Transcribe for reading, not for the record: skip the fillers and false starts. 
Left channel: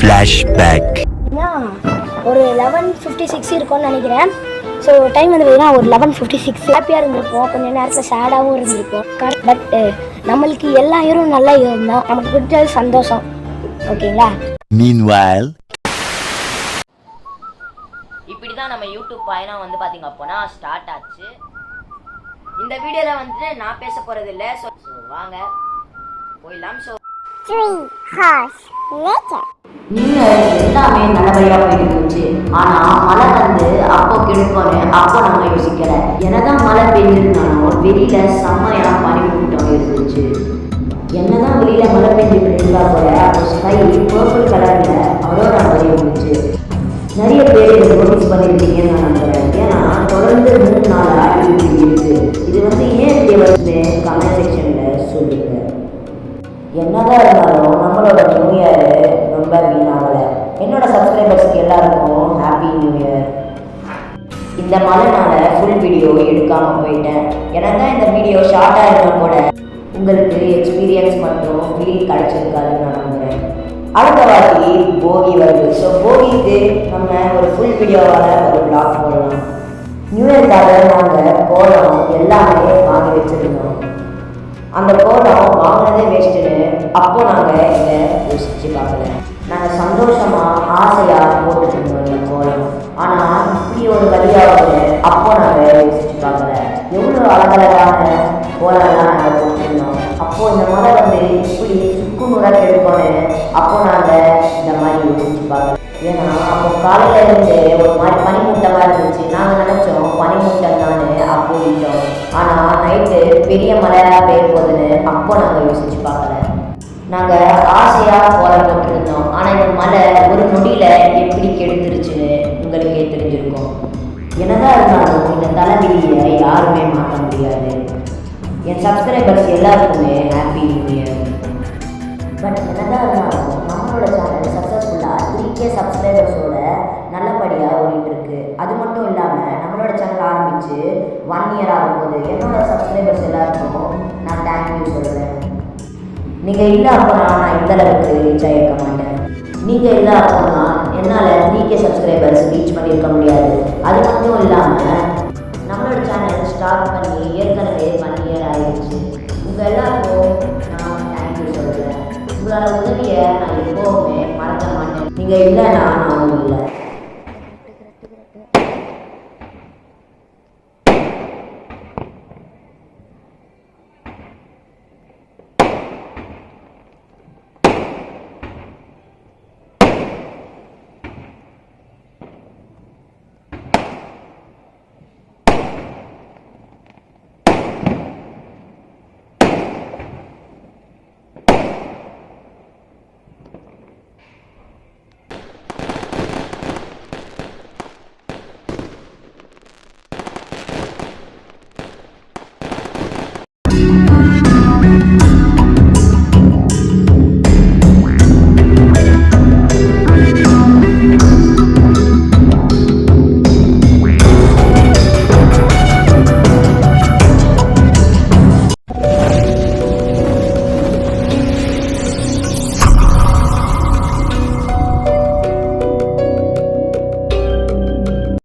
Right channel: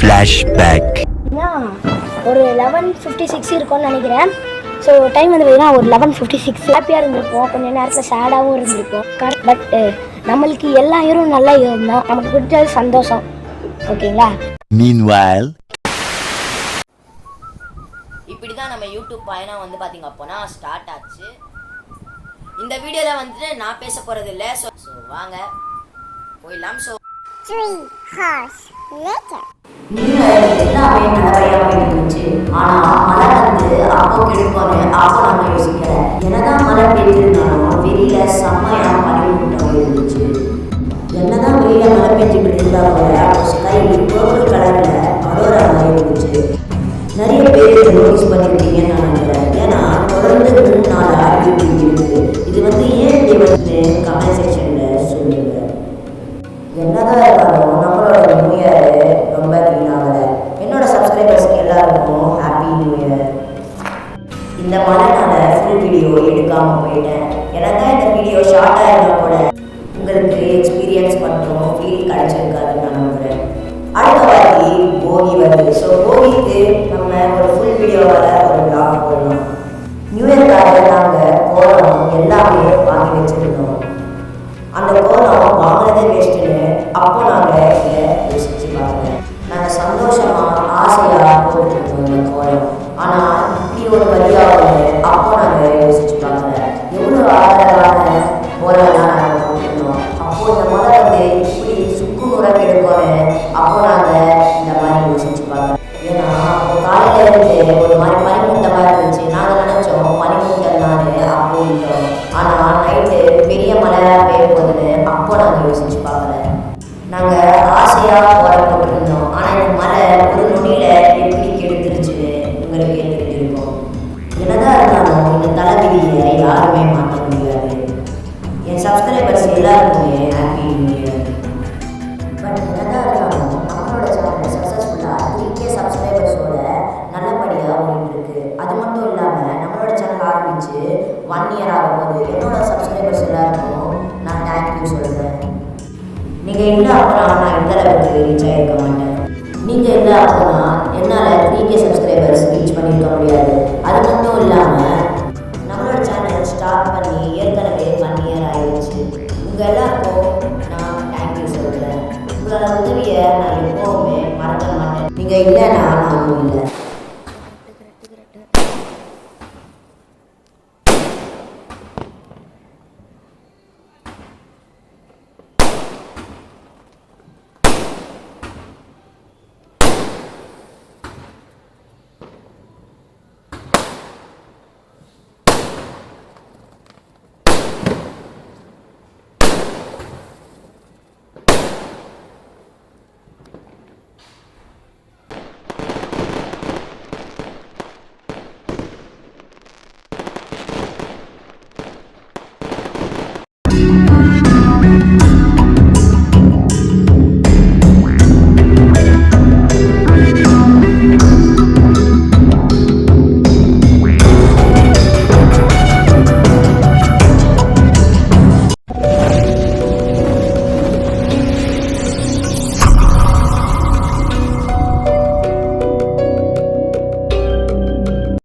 Flashback. ஒரு 11:56 இருக்கும்னு நினைக்கிறேன். ஸோ டைம் வந்து பார்த்தீங்கன்னா ஒரு 11:56. ஹாப்பியாக இருந்திருப்போம், கொஞ்சம் நேரத்தில் சேடாகவும் இருந்திருப்போம். பட் நம்மளுக்கு எல்லா இயரும் நல்லா இருந்தால் நமக்கு பிடிச்சது சந்தோஷம். ஓகேங்களா? Meanwhile, இப்படி தான் நம்ம யூடியூப் பயணம் வந்து பார்த்தீங்க அப்போனா ஸ்டார்ட் ஆச்சு. இந்த வீடியோவில் வந்துட்டு நான் பேச போகிறது இல்லை. ஸோ வாங்க போயிடலாம். ஸோ எல்லாமே நல்லபடியாக போயிட்டு இருந்துச்சு. ஆனால் மழை வந்து அப்போ கெடுக்கணும், அப்போ நம்ம யோசிக்கல. என்னதான் மழை பெய்ஞ்சிருந்தாலும் வெளியில செம்மையா பனிமூட்டம் இருந்துச்சு. என்னதான் வெளியில மழை பெஞ்சுட்டு இருந்தா கூட அப்போ ஸ்கை பர்பிள் கலர்ல அரோரா மாதிரி இருந்துச்சு. நிறைய பேர் இதை நோட்டீஸ் பண்ணியிருக்கீங்கன்னு நான் நம்புறேன். ஏன்னா தொடர்ந்து 3 நாளாக இருக்கு. இது வந்து ஏன் இப்படி வந்து கமெண்ட் செக்ஷன்ல சொல்லுங்க. என்னதான் இருந்தாலும் நம்மளோட நியூ இயர் ரொம்ப வீணாகலை. என்னோட சப்ஸ்கிரைபர்ஸ்க்கு எல்லாருக்கும் ஹாப்பி நியூ இயர். இந்த மழைனால ஃபுல் வீடியோ எடுக்காமல் போயிட்டேன். ஏன்னா தான் இந்த வீடியோ ஷார்ட்டாக இருந்தால் கூட உங்களுக்கு எக்ஸ்பீரியன்ஸ் மற்றும் ஃபீல் கிடச்சிருக்காதுன்னு நான் நம்புகிறேன். அடுத்த வாட்டி போகி வருது. ஸோ போகிக்கு நம்ம ஒரு ஃபுல் வீடியோவால் ஒரு பிளாக் போடலாம். நியூ இயர்க்காக நாங்கள் கோலம் எல்லாமே வாங்கி வச்சுருந்தோம். அந்த கோலம் வாங்கினதே வேஸ்ட்டுன்னு அப்போ நாங்கள் இதை யோசித்து பார்க்கல. நாங்கள் சந்தோஷமாக ஆசையாக போட்டுருந்தோம் இந்த கோலம். ஆனால் இப்படி ஒரு வழியாகுது அப்போ நாங்கள் யோசித்து பார்க்கல. எவ்வளோ அழகழகான கோலம்லாம் நாங்கள் போட்டுருந்தோம். அப்போது இந்த மழை வந்து இப்படி சுக்குநூறாக கெடுக்கோன்னு அப்போ நாங்கள் இந்த மாதிரி யோசித்து பார்க்கல. ஏன்னா அப்போ காலையில் இருந்து ஒரு மாதிரி பனிமூட்டமாக இருந்துச்சு. நாங்கள் நினச்சோம் பனிமூட்டம் தானே அப்போ விட்டோம். ஆனால் நைட்டு பெரிய மழையாக பெய்ய போகுதுன்னு அப்போ நாங்கள் யோசித்து பார்க்கல. நாங்கள் ஆசையாக கோலம் போட்டுருந்தோம். ஆனால் இந்த மழை ஒரு நொடியில் எப்படி கெடுத்துருச்சுன்னு உங்களுக்கே தெரிஞ்சிருக்கும். என்னதான் இருந்தாலும் இந்த தலைவிதியை யாருமே மாற்ற முடியாது. என் சப்ஸ்கிரைபர்ஸ் எல்லாருக்குமே ஹாப்பி நியூ இயர். பட் என்னதான் இருந்தாலும் நம்மளோட சேனல் சக்ஸஸ்ஃபுல்லாக 3K சப்ஸ்கிரைபர்ஸோட நல்லபடியாக ஓடிட்டுருக்கு. அது மட்டும் இல்லாமல் நம்மளோட சேனல் ஆரம்பித்து 1 இயர் ஆக போகுது. என்னோட சப்ஸ்கிரைபர்ஸ் எல்லாருக்கும் நான் தேங்க்யூ சொல்கிறேன். நீங்கள் இல்லை அப்போனா நான் இந்த அளவுக்கு ரீச் ஆகிருக்க மாட்டேன். நீங்கள் இல்லை அப்போனா என்னால் 3K சப்ஸ்கிரைபர்ஸ் ரீச் பண்ணியிருக்க முடியாது. அது மட்டும் இல்லாமல் நம்மளோட சேனல் ஸ்டார்ட் பண்ணி ஏற்கனவே 1 இயர் ஆகிடுச்சு. உங்கள் எல்லாருக்கும் நான் தேங்க்யூ சொல்கிறேன். உங்களோட உதவியை நான் எப்போவுமே மறக்க மாட்டேன். நீங்கள் இல்லைன்னா